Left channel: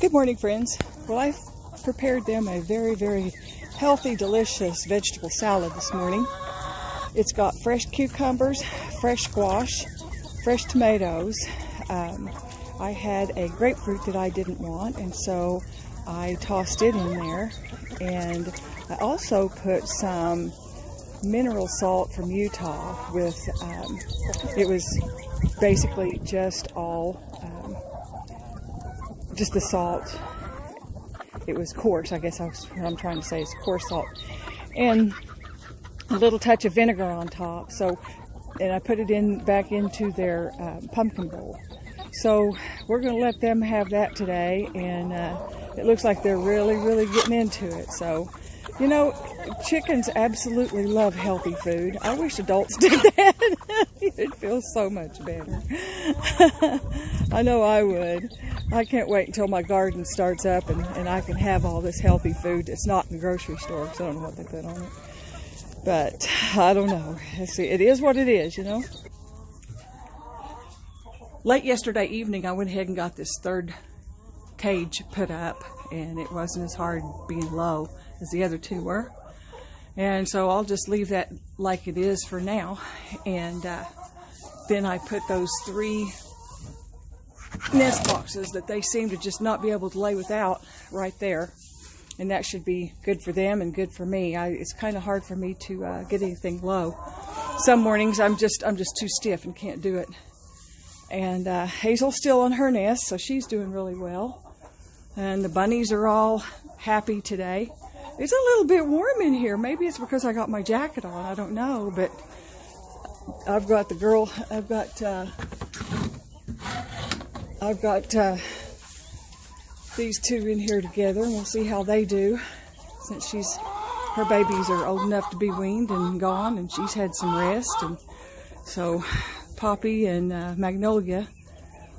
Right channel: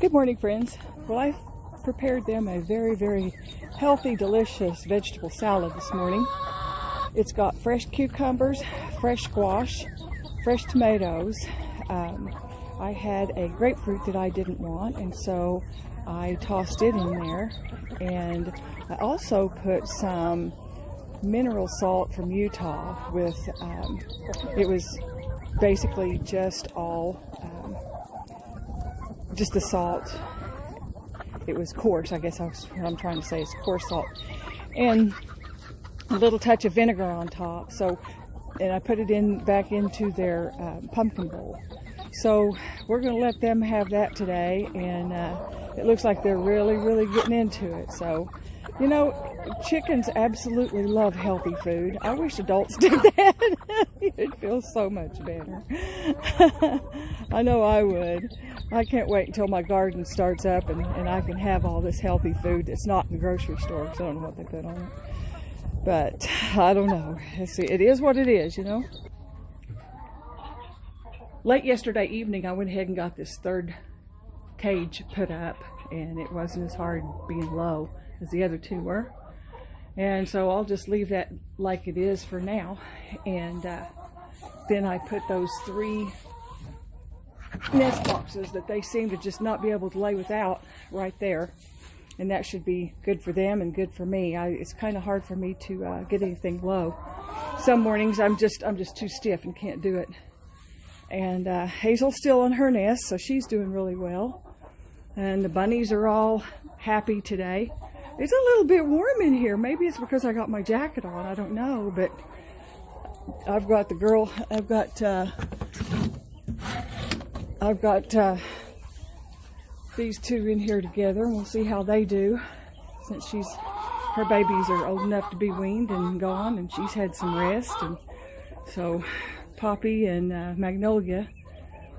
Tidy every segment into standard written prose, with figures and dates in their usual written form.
Good morning, friends. Well, I've prepared them a very, very healthy, delicious vegetable salad this morning. It's got fresh cucumbers, fresh squash, fresh tomatoes. I had a grapefruit that I didn't want, and so I tossed it in there. And I also put some mineral salt from Utah with, it was basically just all just the salt. It was coarse, I guess what I'm trying to say is coarse salt, and a little touch of vinegar on top. So, and I put it back into their pumpkin bowl. So we're going to let them have that today, and it looks like they're really, really getting into it. So, you know, chickens absolutely love healthy food. I wish adults did that. It'd feel so much better. I know I would. I can't wait until my garden starts up and I can have all this healthy food that's not in the grocery store, because I don't know what they put on it. But I don't know. It is what it is, you know. Late yesterday evening, I went ahead and got this third cage put up, and it wasn't as hard being low as the other two were. And so I'll just leave that like it is for now. And then I put those 3 nest boxes that they seem to just not be able to lay without right there, and that should be good for them and good for me. It's kind of hard for me to get anything low. Some mornings I'm just too stiff and can't do it. And Hazel's still on her nest, so she's doing really well, and the bunnies are all happy today. It's a little bit warm in here. Maybe it's because I got my jacket on, I don't know, but I've got these two in here together, and we'll see how they do, since her babies are old enough to be weaned and gone, and she's had some rest. And so Poppy and Magnolia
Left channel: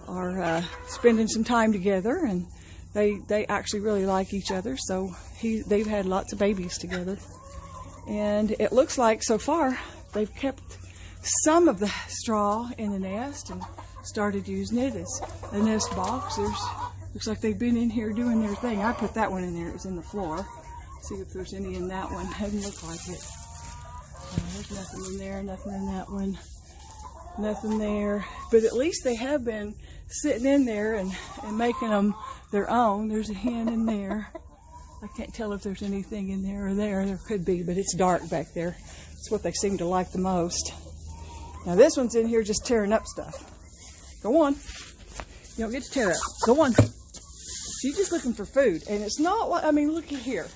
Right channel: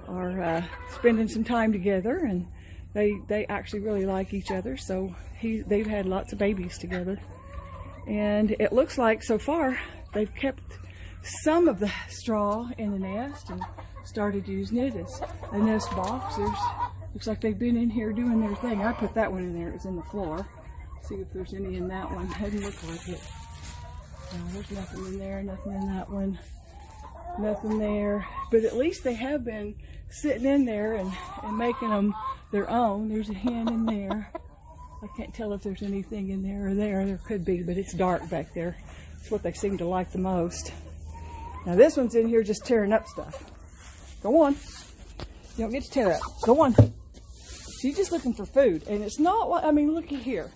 are spending some time together, and they actually really like each other. So they've had lots of babies together, and it looks like so far they've kept some of the straw in the nest and started using it as a nest box. Looks like they've been in here doing their thing. I put that one in there. It was in the floor. See if there's any in that one. Doesn't look like it. No, there's nothing in there. Nothing in that one. Nothing there. But at least they have been sitting in there and making them their own. There's a hen in there. I can't tell if there's anything in there or there. There could be, but it's dark back there. It's what they seem to like the most. Now this one's in here just tearing up stuff. Go on. You don't get to tear up. Go on. She's just looking for food. And it's not like, I mean, look at here.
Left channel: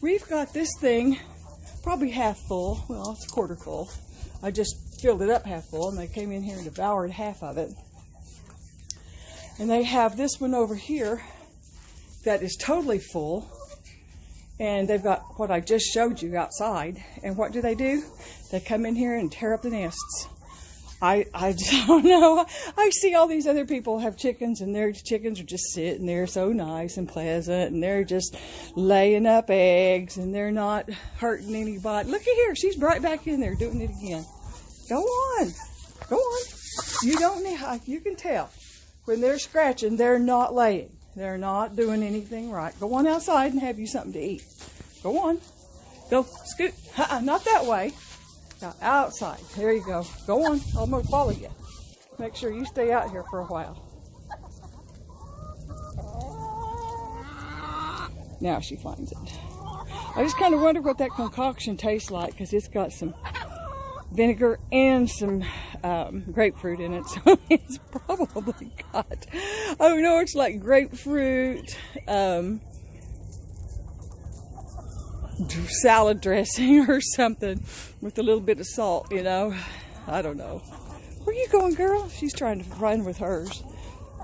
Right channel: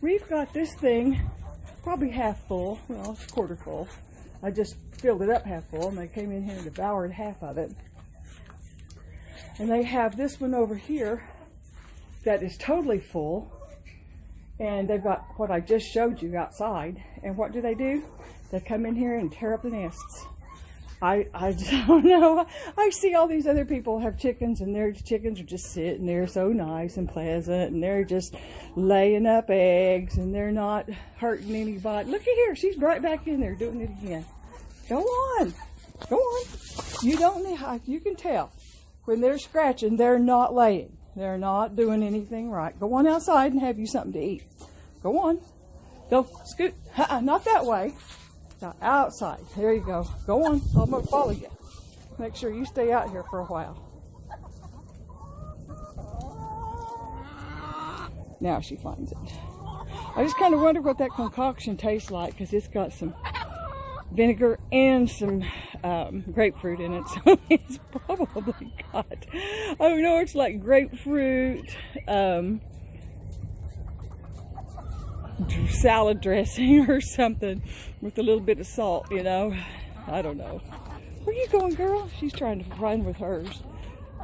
We've got this thing probably half full. Well, it's quarter full. I just filled it up half full, and they came in here and devoured half of it. And they have this one over here that is totally full. And they've got what I just showed you outside. And what do? They come in here and tear up the nests. I don't know. I see all these other people have chickens, and their chickens are just sitting there so nice and pleasant, and they're just laying up eggs, and they're not hurting anybody. Look at here. She's right back in there doing it again. Go on. Go on. You don't need, you can tell when they're scratching, they're not laying. They're not doing anything right. Go on outside and have you something to eat. Go on. Go scoot. Not that way. Now, outside. There you go. Go on. I'm going to follow you. Make sure you stay out here for a while. Now she finds it. I just kind of wonder what that concoction tastes like, because it's got some vinegar and some grapefruit in it. So it's probably got, I don't know, it's like grapefruit, salad dressing or something with a little bit of salt, you know. I don't know. Where you going, girl? She's trying to run with hers.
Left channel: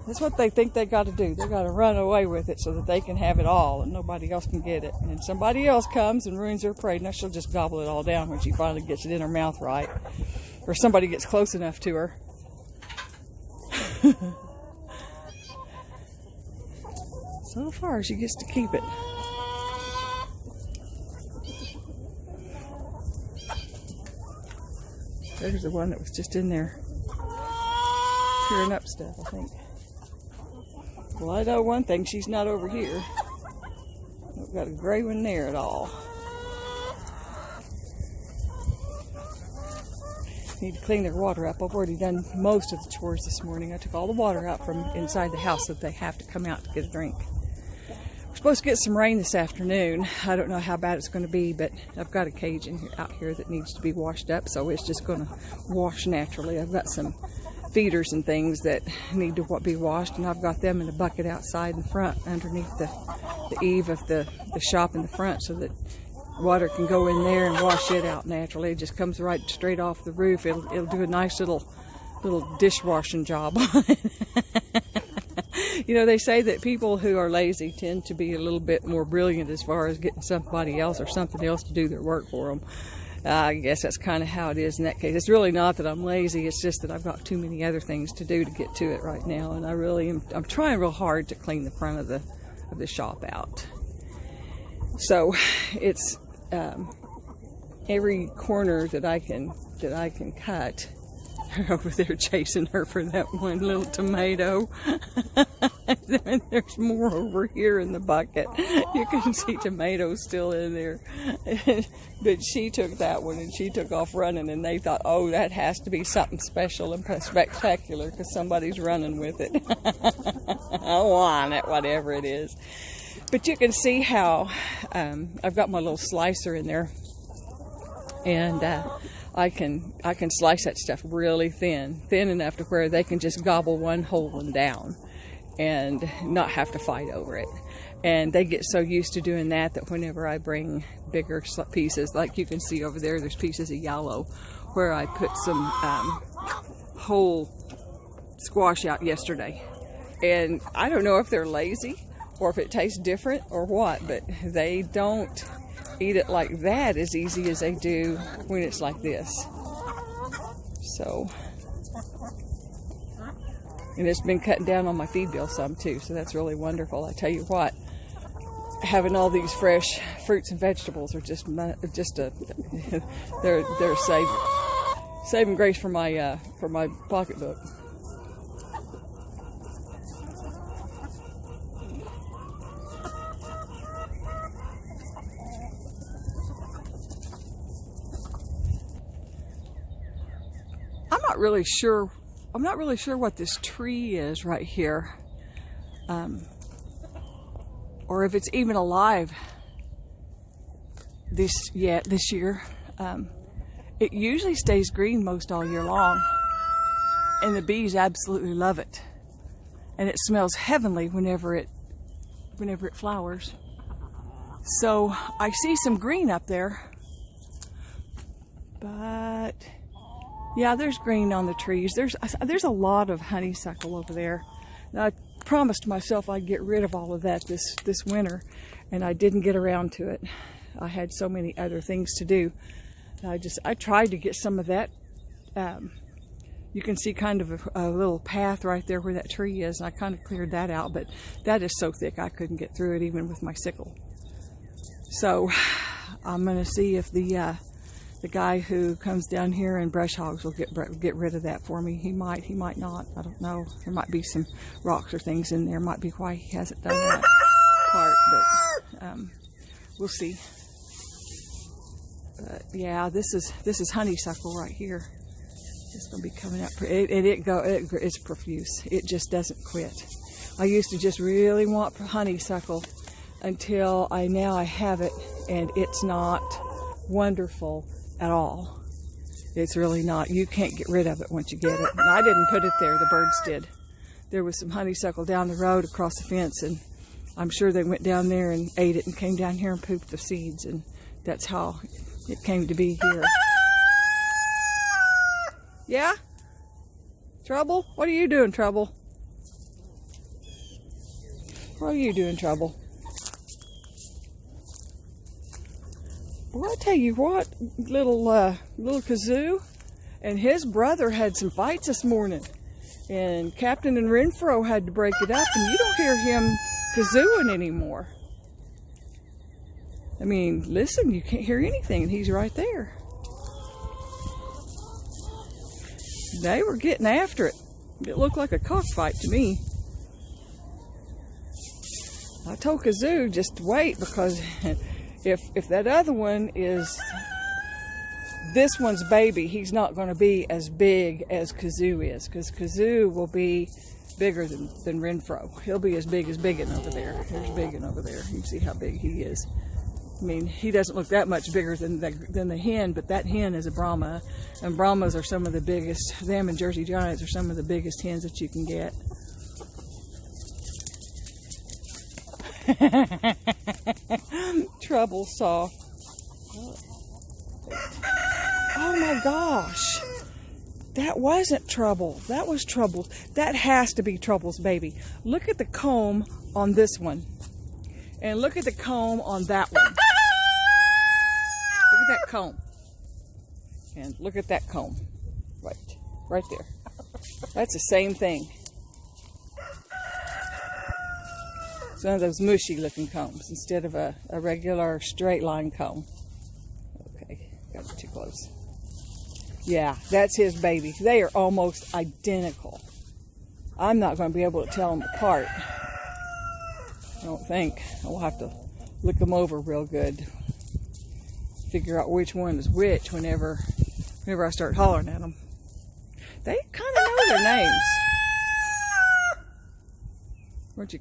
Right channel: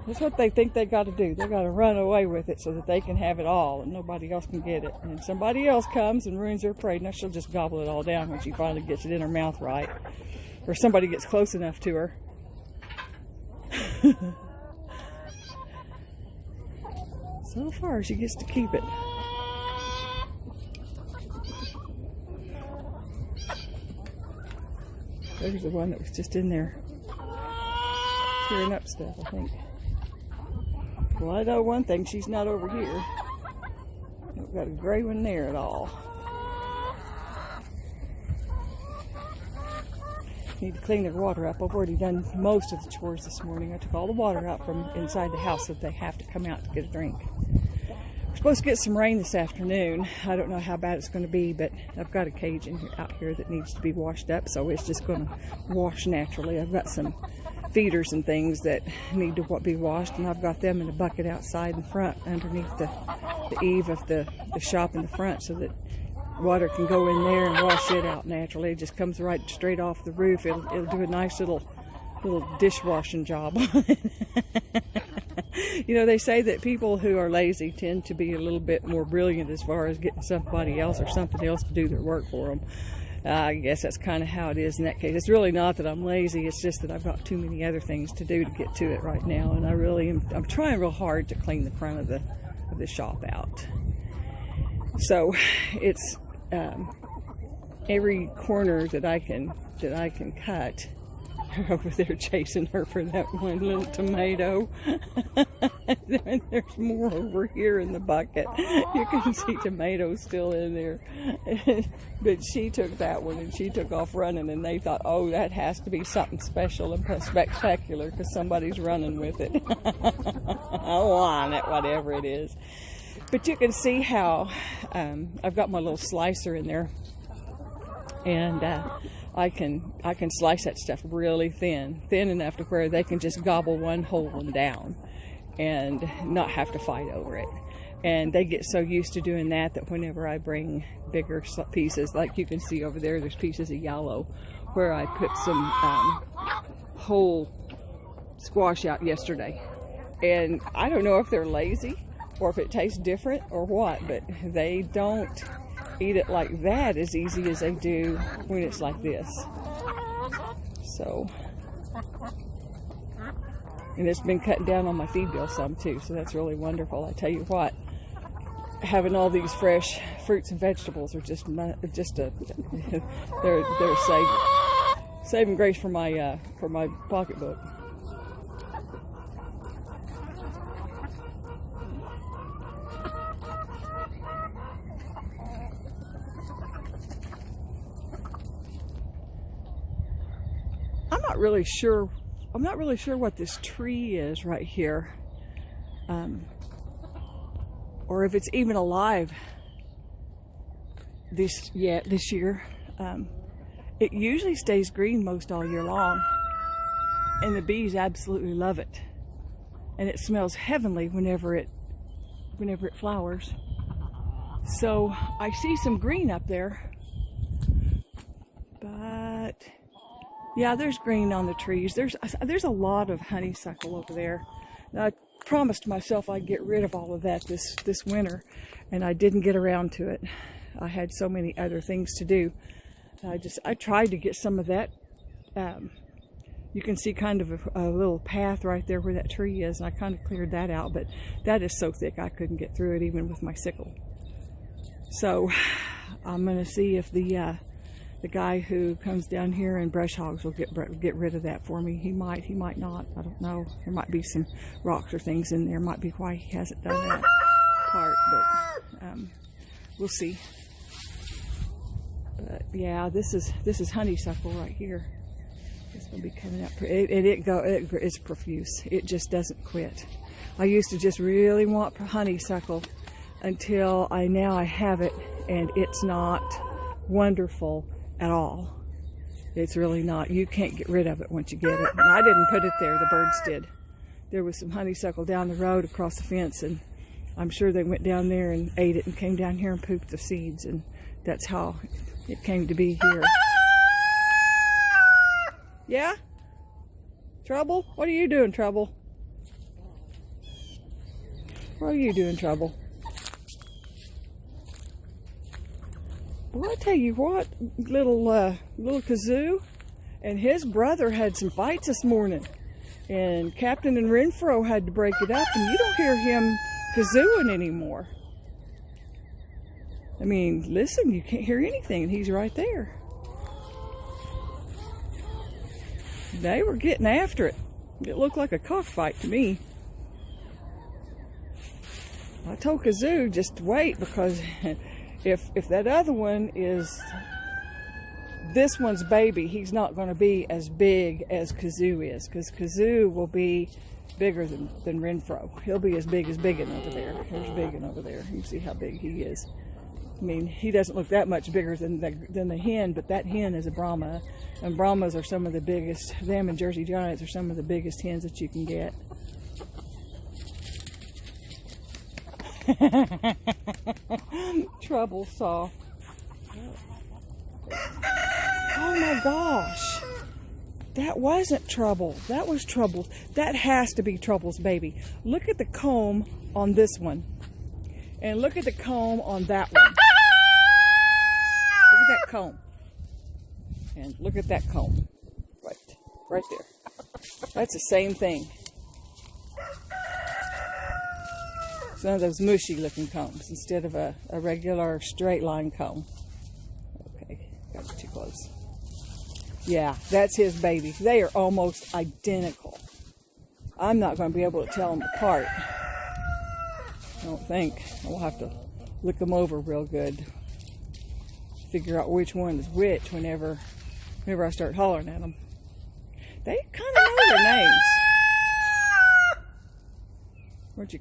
That's what they think they got to do. They got to run away with it so that they can have it all and nobody else can get it. And somebody else comes and ruins their prey. Now she'll just gobble it all down when she finally gets it in her mouth right. Or somebody gets close enough to her. So far, she gets to keep it. There's the one that was just in there tearing up stuff, I think. Well, I know one thing, she's not over here. I've got a gray one there at all. Need to clean their water up. I've already done most of the chores this morning. I took all the water out from inside the house so that they have to come out to get a drink. We're supposed to get some rain this afternoon. I don't know how bad it's going to be, but I've got a cage out here that needs to be washed up, so it's just going to wash naturally. I've got some feeders and things that need to be washed, and I've got them in a bucket outside in front underneath the eave of the shop in the front so that water can go in there and wash it out naturally. It just comes right straight off the roof. It'll do a nice little dishwashing job on it. You know, they say that people who are lazy tend to be a little bit more brilliant as far as getting somebody else or something else to do their work for them. I guess that's kind of how it is in that case. It's really not that I'm lazy, it's just that I've got too many other things to do to get to it right now, and I'm trying real hard to clean the front of the shop out. So it's every corner that I can cut. Over there chasing her for that one little tomato. And there's more over here in the bucket. You can see tomatoes still in there. But she took that one and she took off running, and they thought, oh, that has to be something special and spectacular because somebody's running with it. I want it, whatever it is. But you can see how I've got my little slicer in there, and I can slice that stuff really thin enough to where they can just gobble one whole one down and not have to fight over it. And they get so used to doing that whenever I bring bigger pieces, like you can see over there's pieces of yellow where I put some whole squash out yesterday. And I don't know if they're lazy or if it tastes different or what, but they don't eat it like that as easy as they do when it's like this. So, and it's been cutting down on my feed bill some too, so that's really wonderful. I tell you what, having all these fresh fruits and vegetables are just a they're saving grace for my pocketbook. I'm not really sure what this tree is right here, or if it's even alive this year. It usually stays green most all year long, and the bees absolutely love it, and it smells heavenly whenever it flowers. So I see some green up there, but yeah, there's green on the trees. There's a lot of honeysuckle over there. Now, I promised myself I'd get rid of all of that this winter, and I didn't get around to it. I had so many other things to do. I tried to get some of that. You can see kind of a little path right there where that tree is, and I kind of cleared that out, but that is so thick I couldn't get through it even with my sickle. So I'm going to see if the guy who comes down here and brush hogs will get rid of that for me. He might not. I don't know. There might be some rocks or things in there. Might be why he hasn't done that part, but we'll see. But yeah, this is honeysuckle right here. It's gonna be coming up. It's profuse. It just doesn't quit. I used to just really want honeysuckle until now I have it, and it's not wonderful at all. It's really not. You can't get rid of it once you get it. And I didn't put it there, the birds did. There was some honeysuckle down the road across the fence, and I'm sure they went down there and ate it and came down here and pooped the seeds, and that's how it came to be here. Yeah? Trouble? What are you doing, Trouble? What are you doing, Trouble? Well, I tell you what, little Kazoo and his brother had some fights this morning, and Captain and Renfro had to break it up, and you don't hear him kazooing anymore. I mean, listen, you can't hear anything, and he's right there. They were getting after it. It looked like a cockfight to me. I told Kazoo just to wait, because if that other one is this one's baby, he's not going to be as big as Kazoo is, because Kazoo will be bigger than Renfro. He'll be as big as Biggin over there. There's Biggin over there. You can see how big he is. I mean, he doesn't look that much bigger than the hen, but that hen is a Brahma, and Brahmas are some of the biggest. Them and Jersey Giants are some of the biggest hens that you can get. Trouble saw. Oh my gosh. That wasn't Trouble. That was Trouble's. That has to be Trouble's baby. Look at the comb on this one. And look at the comb on that one. Look at that comb. And look at that comb. Right there. That's the same thing. It's one of those mushy looking combs instead of a regular straight line comb. Okay, got too close. Yeah, that's his baby. They are almost identical. I'm not going to be able to tell them apart. I don't think. I'll have to look them over real good. Figure out which one is which whenever I start hollering at them. They kind of know their names. Watch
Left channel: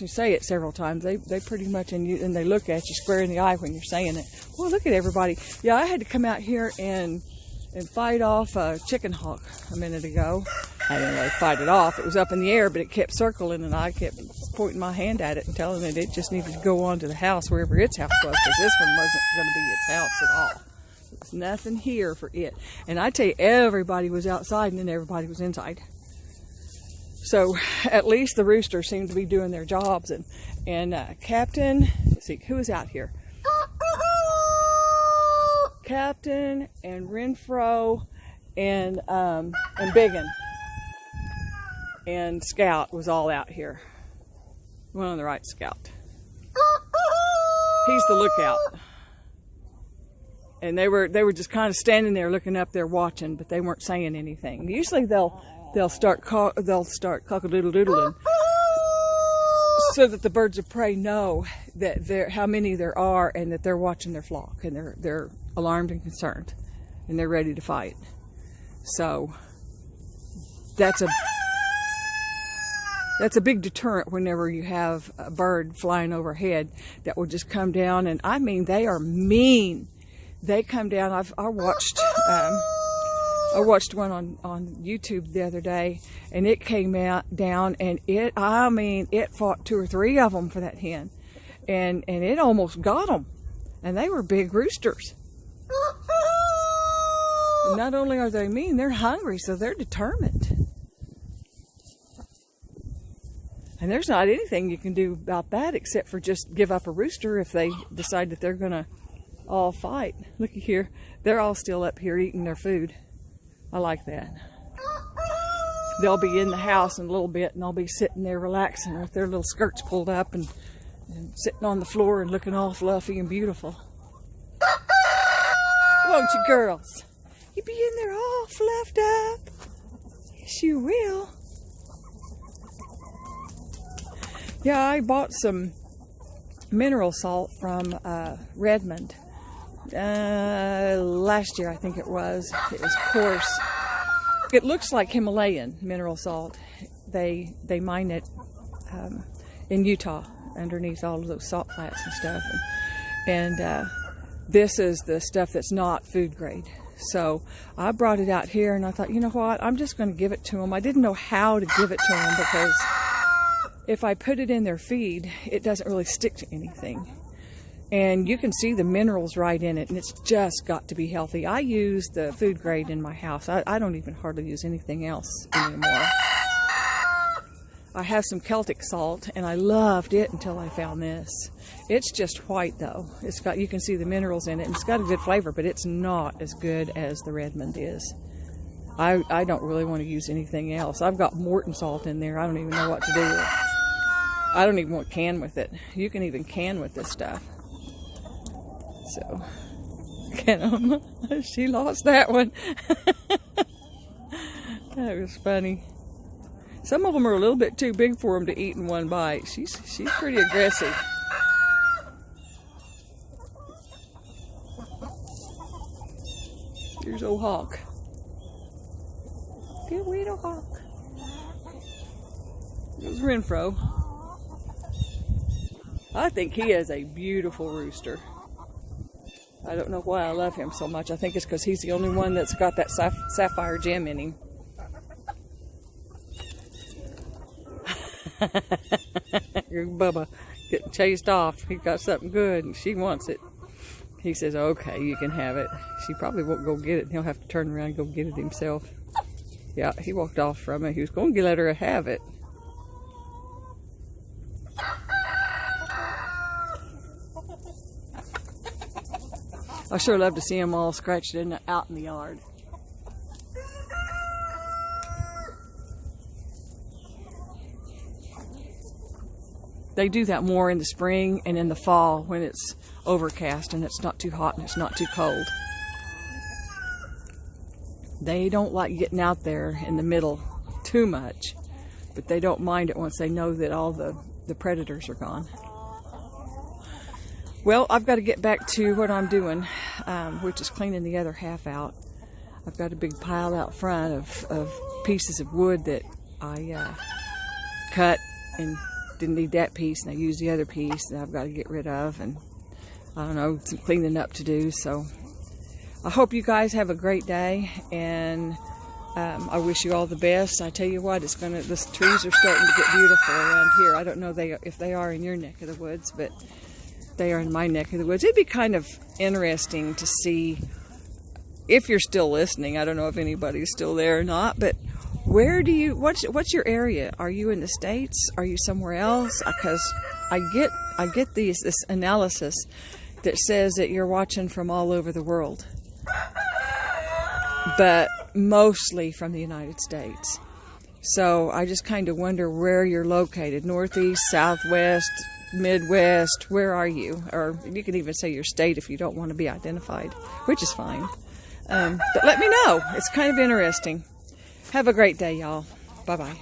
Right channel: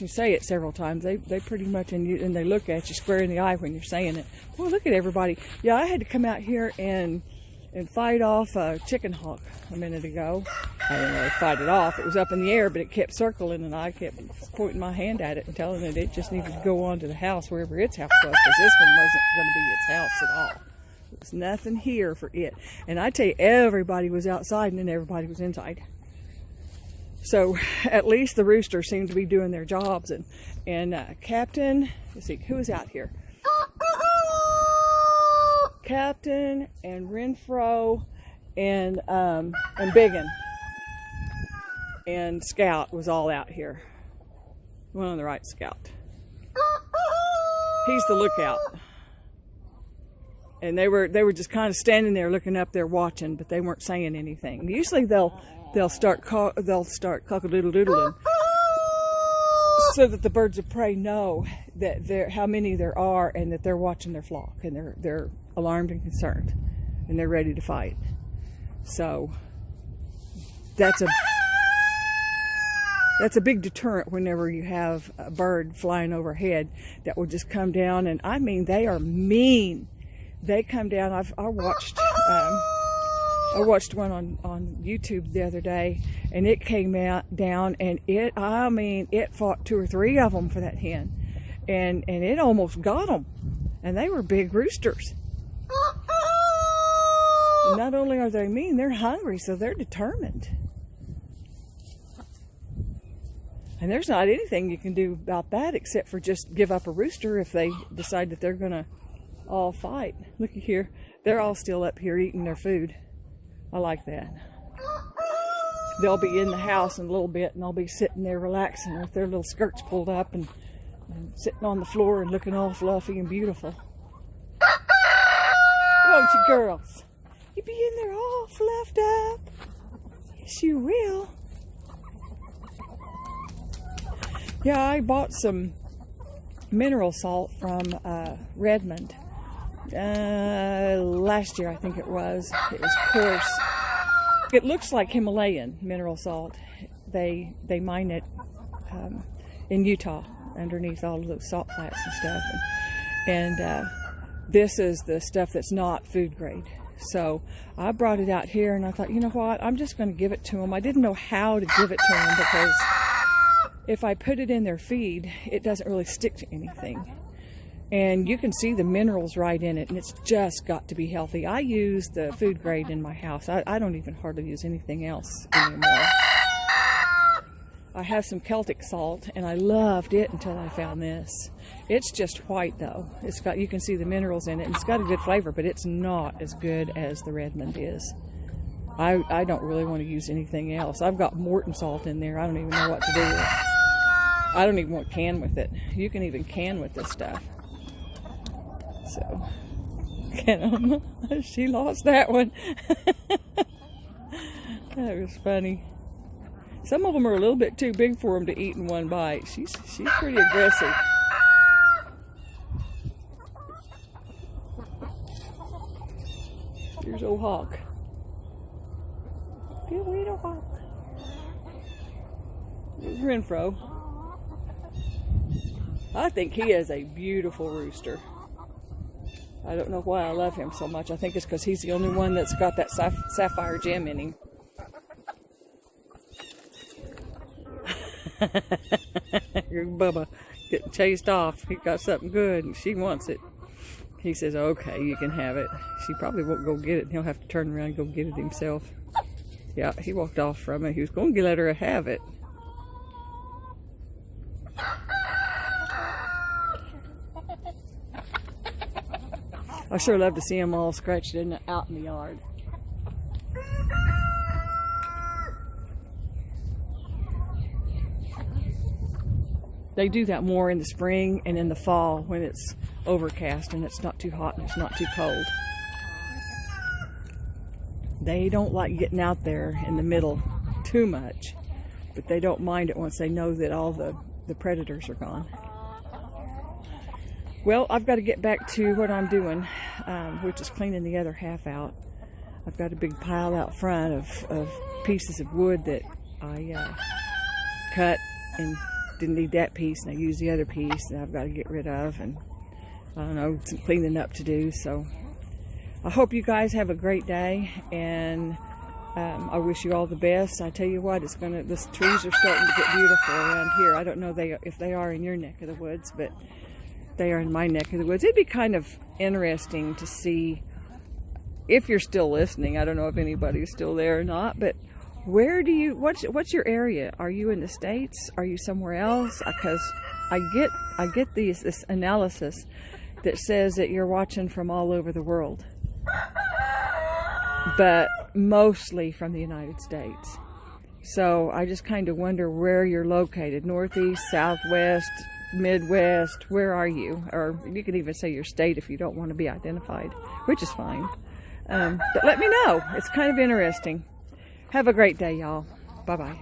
you say it several times. They pretty much, and they look at you square in the eye when you're saying it. Well, look at everybody. Yeah, I had to come out here and fight off a chicken hawk a minute ago. I didn't really fight it off. It was up in the air, but it kept circling, and I kept pointing my hand at it and telling it it just needed to go on to the house, wherever its house was, because this one wasn't going to be its house at all. There was nothing here for it. And I tell you, everybody was outside, and then everybody was inside. So at least the roosters seem to be doing their jobs, and Captain, let's see, who is out here? Captain and Renfro and Biggin and Scout was all out here. One on the right, Scout. He's the lookout. And they were just kind of standing there looking up there watching, but they weren't saying anything. Usually they'll start cock-a-doodle-doodling so that the birds of prey know that how many there are, and that they're watching their flock, and they're alarmed and concerned, and they're ready to fight. So that's a big deterrent whenever you have a bird flying overhead that will just come down, and I mean, they are mean. They come down. I watched one on YouTube the other day, and it came down, and it fought 2 or 3 of them for that hen, and it almost got them, and they were big roosters. And not only are they mean, they're hungry, so they're determined. And there's not anything you can do about that except for just give up a rooster if they decide that they're gonna all fight. Looky here, they're all still up here eating their food. I like that. They'll be in the house in a little bit, and they'll be sitting there relaxing with their little skirts pulled up and sitting on the floor and looking all fluffy and beautiful. Won't you, girls? You be in there all fluffed up. Yes, you will. Yeah, I bought some mineral salt from Redmond last year, I think it was. It was coarse. It looks like Himalayan mineral salt. They mine it in Utah underneath all of those salt flats and stuff. And this is the stuff that's not food grade. So I brought it out here, and I thought, you know what? I'm just going to give it to them. I didn't know how to give it to them, because if I put it in their feed, it doesn't really stick to anything. And you can see the minerals right in it, and it's just got to be healthy. I use the food grade in my house. I don't even hardly use anything else anymore. I have some Celtic salt, and I loved it until I found this. It's just white though. It's got, you can see the minerals in it, and it's got a good flavor, but it's not as good as the Redmond is. I don't really want to use anything else. I've got Morton salt in there. I don't even know what to do with it. I don't even want to can with it. You can even can with this stuff. So, she lost that one. That was funny. Some of them are a little bit too big for them to eat in one bite. She's pretty aggressive. Here's old Hawk. Good little Hawk. There's Renfro. I think he is a beautiful rooster. I don't know why I love him so much. I think it's because he's the only one that's got that sapphire gem in him. Bubba getting chased off. He got something good and she wants it. He says, okay, you can have it. She probably won't go get it, and he'll have to turn around and go get it himself. Yeah, he walked off from it. He was going to let her have it. I sure love to see them all scratched out in the yard. They do that more in the spring and in the fall when it's overcast and it's not too hot and it's not too cold. They don't like getting out there in the middle too much, but they don't mind it once they know that all the predators are gone. Well, I've got to get back to what I'm doing, which is cleaning the other half out. I've got a big pile out front of pieces of wood that I cut and didn't need that piece, and I used the other piece that I've got to get rid of, and I don't know, some cleaning up to do. So I hope you guys have a great day, and I wish you all the best. I tell you what, the trees are starting to get beautiful around here. I don't know if they are in your neck of the woods, but they are in my neck of the woods. It'd be kind of interesting to see, if you're still listening, I don't know if anybody's still there or not, but what's your area? Are you in the States? Are you somewhere else? Because I get this analysis that says that you're watching from all over the world, but mostly from the United States. So I just kind of wonder where you're located. Northeast, Southwest, Midwest, where are you? Or you can even say your state if you don't want to be identified, which is fine. But let me know. It's kind of interesting. Have a great day, y'all. Bye-bye.